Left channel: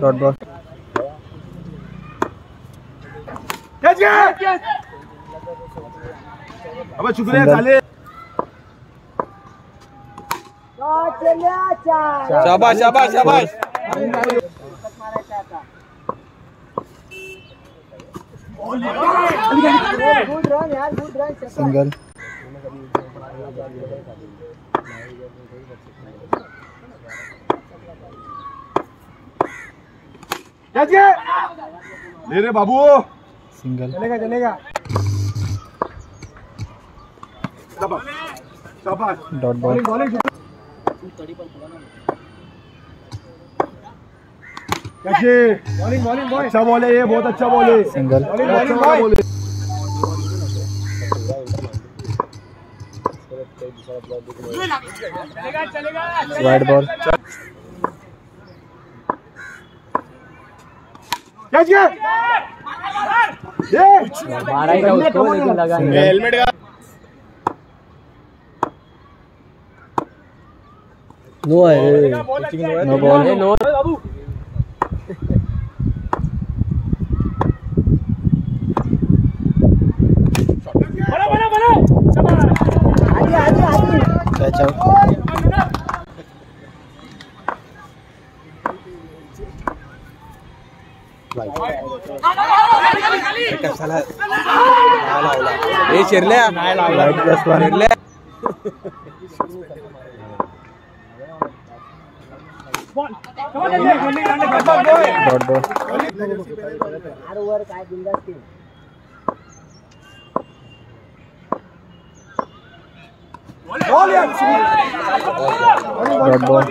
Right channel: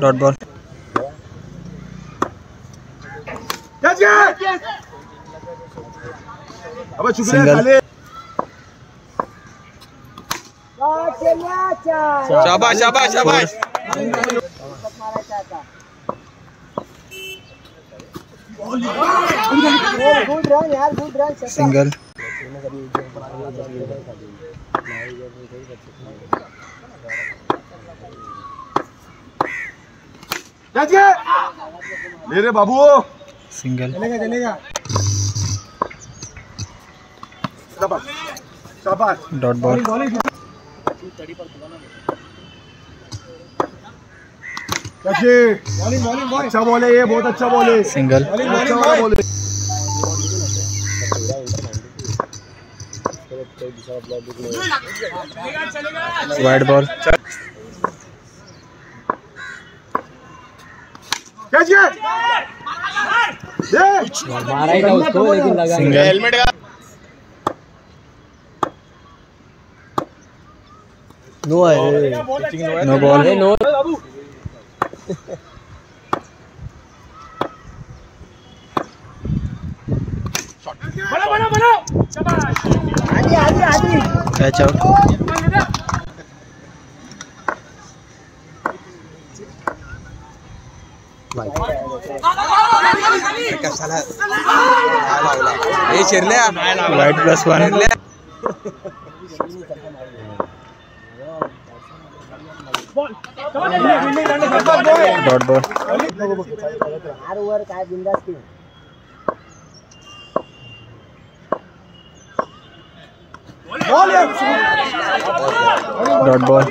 Dot ball. Single. शाबाश शाबाश शाबाश। सिंगल। ले रे बाबू। सिंगल। चलेगा। शाबाश। Dot ball. अच्छा बॉल है ये, बहुत अच्छा बॉल है। सिंगल। अच्छा वाला बॉल है। Wide ball. सिंगल। हेलमेट का नो है। No ball. Catch out. कशाला हे शिरल्या wide +1। Dot ball. Dot ball.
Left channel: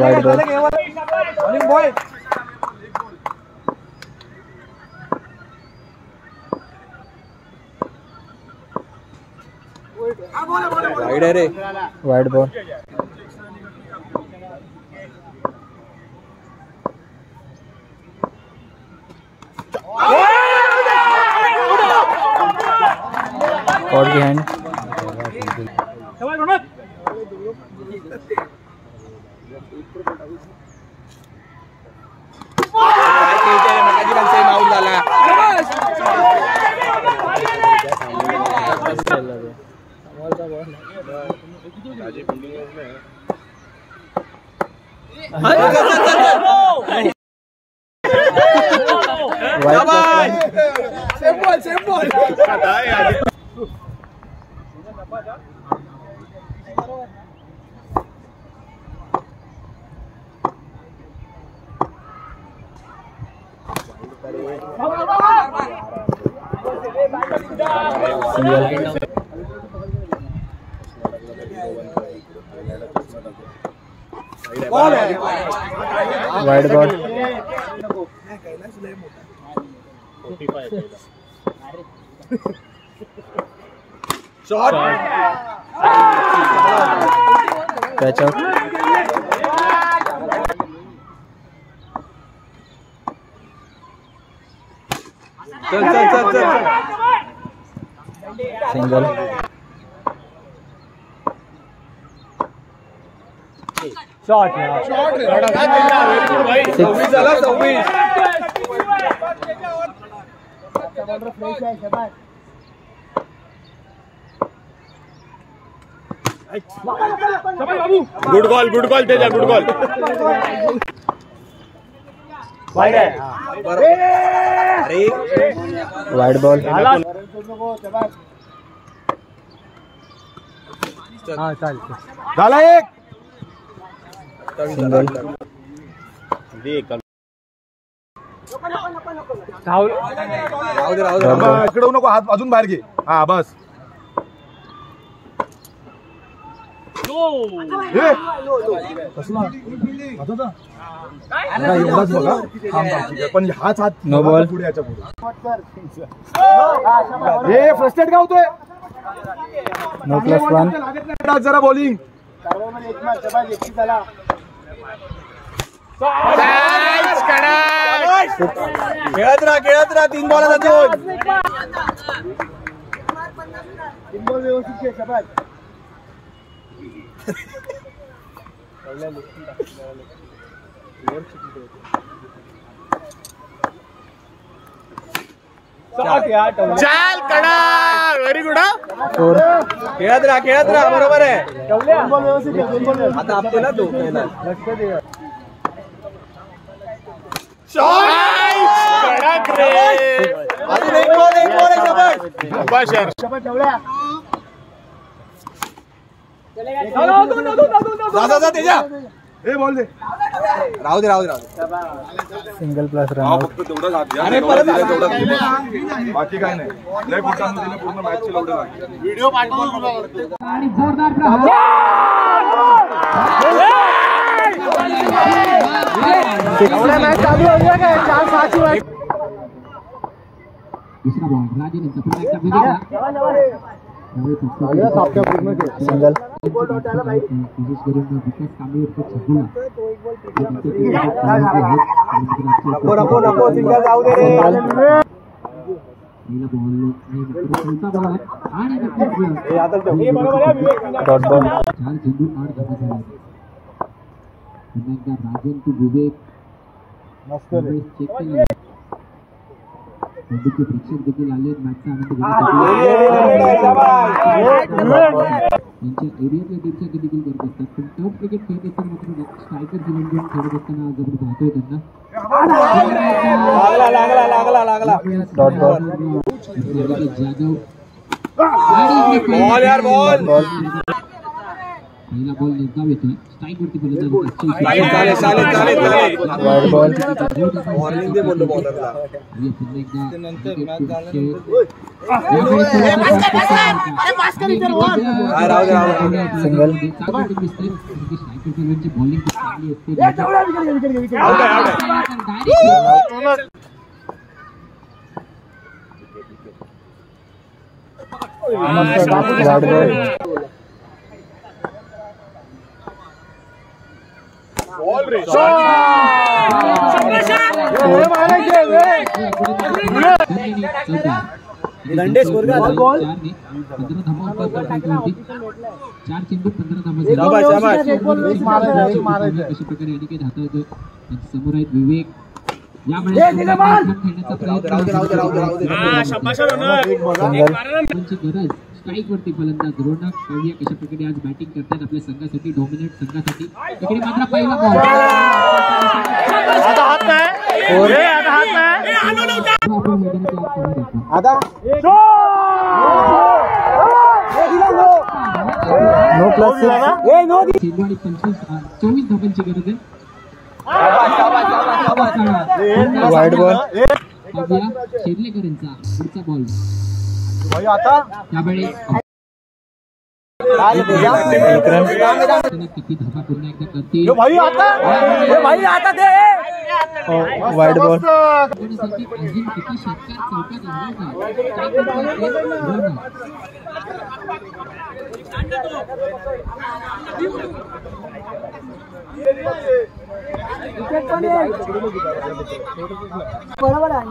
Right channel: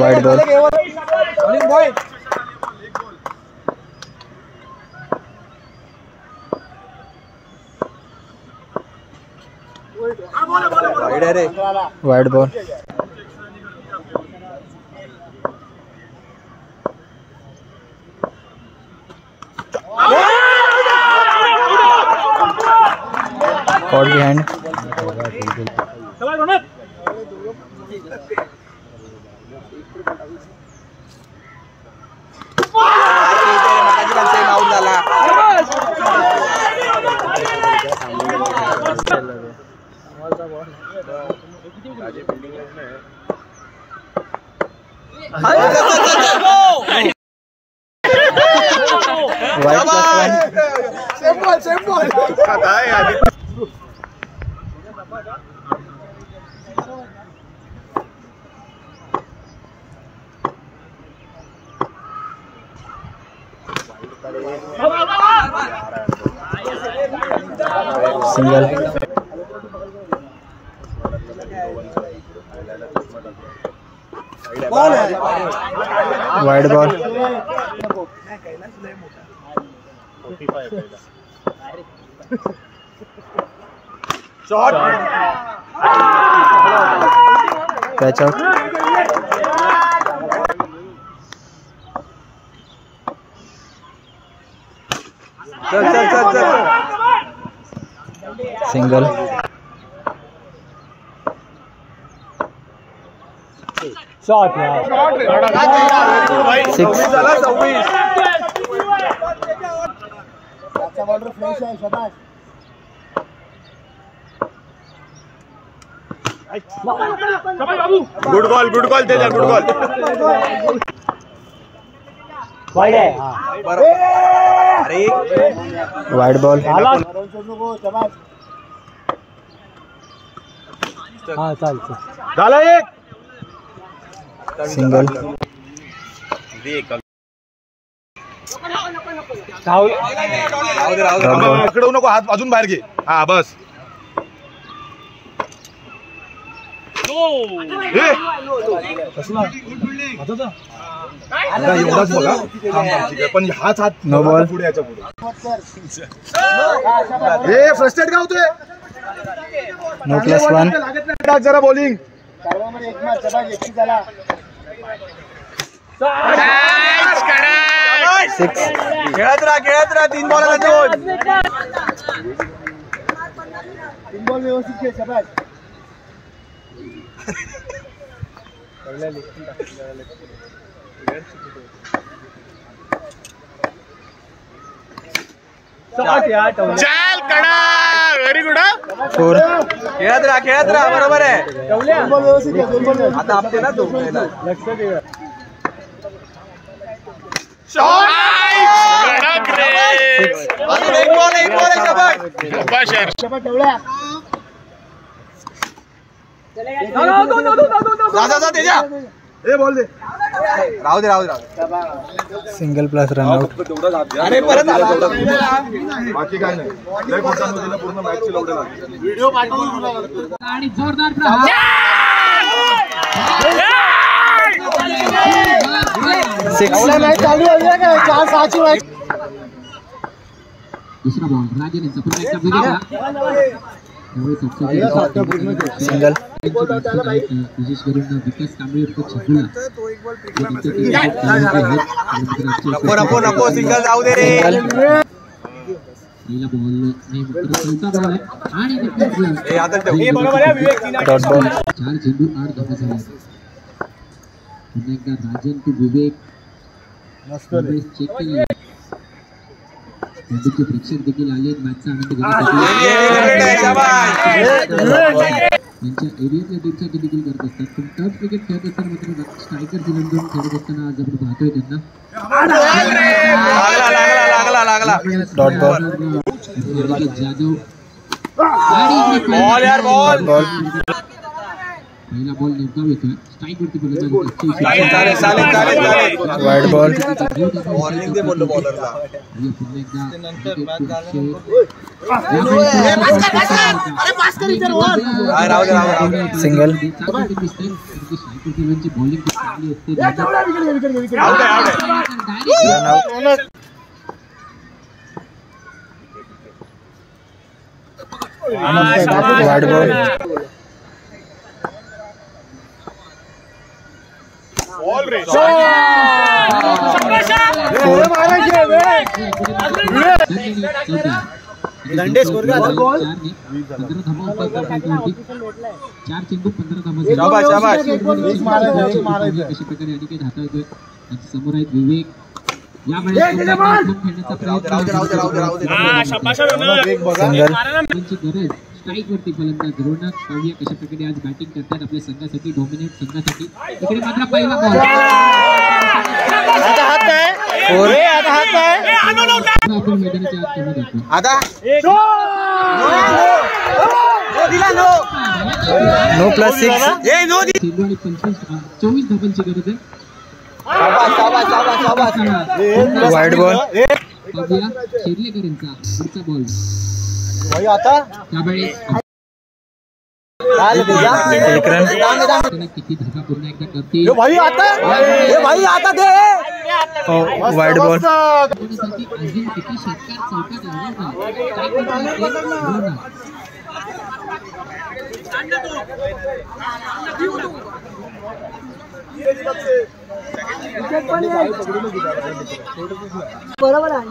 Wide ball. Wide है रे। Wide ball. Caught behind. Out झाला। Wide +1। Same ball. Single. Wide ball. Shot. Catch out. चल। Single. Shot. 6। झाला 26। Good call Teja, good call. Wide है। अरे वाइड बॉल। हाँ चल झाला एक। सिंगल। इकडे नको, हात अजून बाहेर घे. हा बस. एवढाच बघा. पण हाच हात नो बॉल. पुढे याच्या पुढे. फ्रस्ट्रेट का होतोय. नो प्लस 1 जरा बॉलिंग खेळत राहा 3 बॉलला 2 चाल कडा व्हेरी गुड 4 खेळत राहा बरोबर आहे आता आपले ना तो अजून एक बॉल आहे शाबाश जा तेजा ए बॉल दे राहू दे सिंगल प्लस रन आउट अरे परत बाकी काय नाही लय मोठा दिला पूर्ण मॅच ची लवडे लागली व्हिडिओ आणि जोरदार प्रहार 6 दुसरा बॉल राजन यांचा पुन्हा एकदा विकेटला सिंगल विशेष करून विकास कांबळे छकुला नको सिंगल जाऊ दे रे पहिला बॉल नाही मित्र चौथा बॉल आहे आणि डॉट बॉल 4 चेंडू 8 धावा झाल्या पुन्हा एकदा राजन टू विवेक चेक केले चेंडूचे प्रेक्षक देखील आले मॅचचा आनंद त्यांच्या एरियातल्या टीमसाठी देखील करत असतात पण टफ क्रिकेट खेळत असताना मात्र स्ट्रायकर जिल्ह्यातून खेळत असताना आज आपण पाहतोय त्यांना लागला डॉट बॉल जाधव बॉल यार बॉल पहिला बॉल नेमका येतोय स्ट्राईक वरती चालेल वाईड बॉल वॉर्निंग दे बोललो बॉलरला पुन्हा एकदा सिंगल बॉलिंग चांगली असते वाईड बॉल दंडे स्कोर का बॉल 15 धावा चार चेंडू 15 धावा कशा प्रकारे अनिकेत हाताळतोय समोर आहेत विवेक या खेळण्याचा प्रयत्न स्ट्राईक वरती फलंदाज रोनक पाहूया कशा प्रकारे आज बॅटिंग करतात आपल्या संघासाठी डॉमिनेट संघासाठी इकडे मात्र पहिला बॉल आपण मैदानाच्या आत कमी देखो आता नो प्लस 6 नो चेंडू आणि 24 धावांची गरज आहे वाईड बॉल पाहूया शेरलेकर यांचा पुढचा बॉल त्यावेळी एक रन किती धावा पुन्हा एकदा करतील वाईड बॉल अजून किती षटकार चौकात बरोबर आहे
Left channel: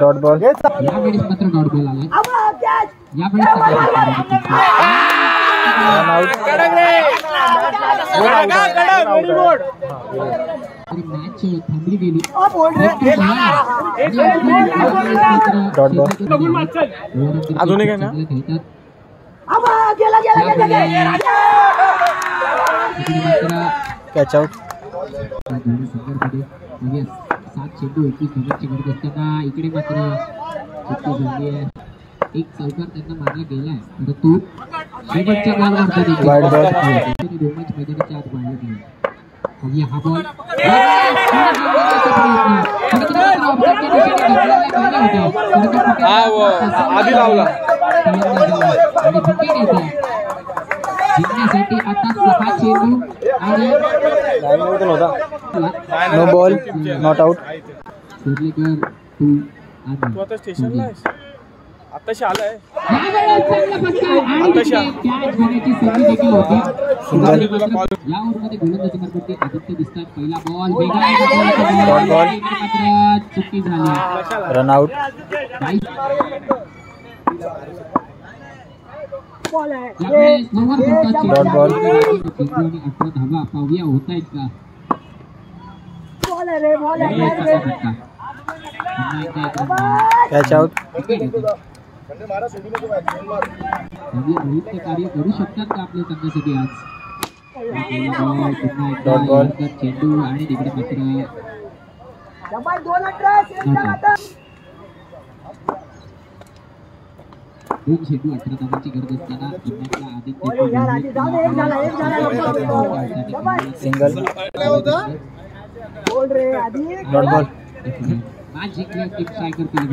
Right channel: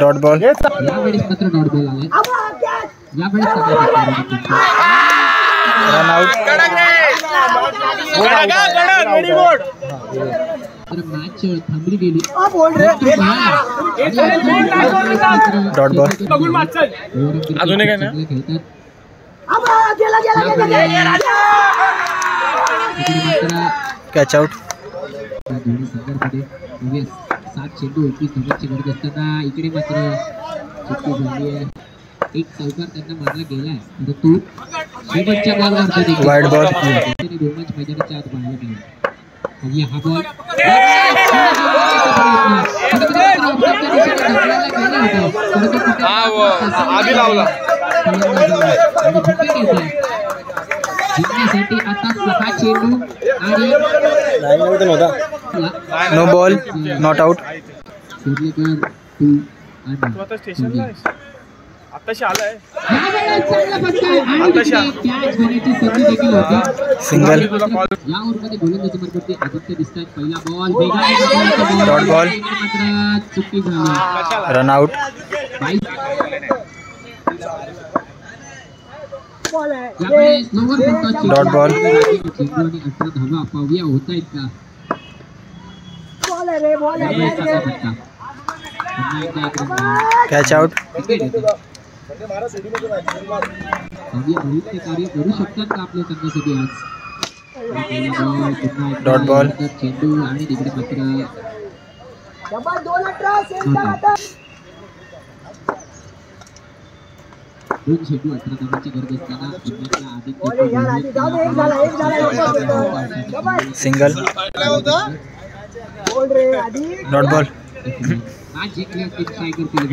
डॉट बॉल यावेळेस मात्र डॉट बॉल आलाय यावेळेस रन आउट मॅच थांबली गेली डॉट बॉल अजून एक आहे ना कॅच आउट दोन्ही संघांमध्ये 7 चेंडू 21 धावांची गरज असताना इकडे मात्र चुकी झाली आहे एक चौकार त्यांना मारला गेलाय परंतु शेवटच्या बॉलवर वाईड बॉल दोन मॅच मैदानाच्या आत पाहायला मिळाला हा बॉल जिंकण्यासाठी आता 6 चेंडू आणि संपला. No ball not out. Korlekar 2 आणि आता स्टेशनला आहेस आताशी आलाय यावेळेस चांगला फटका आणि कॅच घेण्याची संधी देखील होती. सिंगल. या ओव्हरमध्ये गोलंदाजी मार्फत आदित्य दिसतात. पहिला बॉल डॉट बॉल. मात्र चुकी झाली. Run out. यावेळेस लोवर फटका. Dot ball. चेंडू आणि 18 धावा पाहूया होत आहेत का. Catch out. कार्य करू शकतात का आपल्या संघासाठी आज. Dot ball. चेंडू आणि तिकडे मात्र दोन चेंडू 18 धावांची गरज असताना सिंगल. Dot ball. आज जिंकले असते काय करतील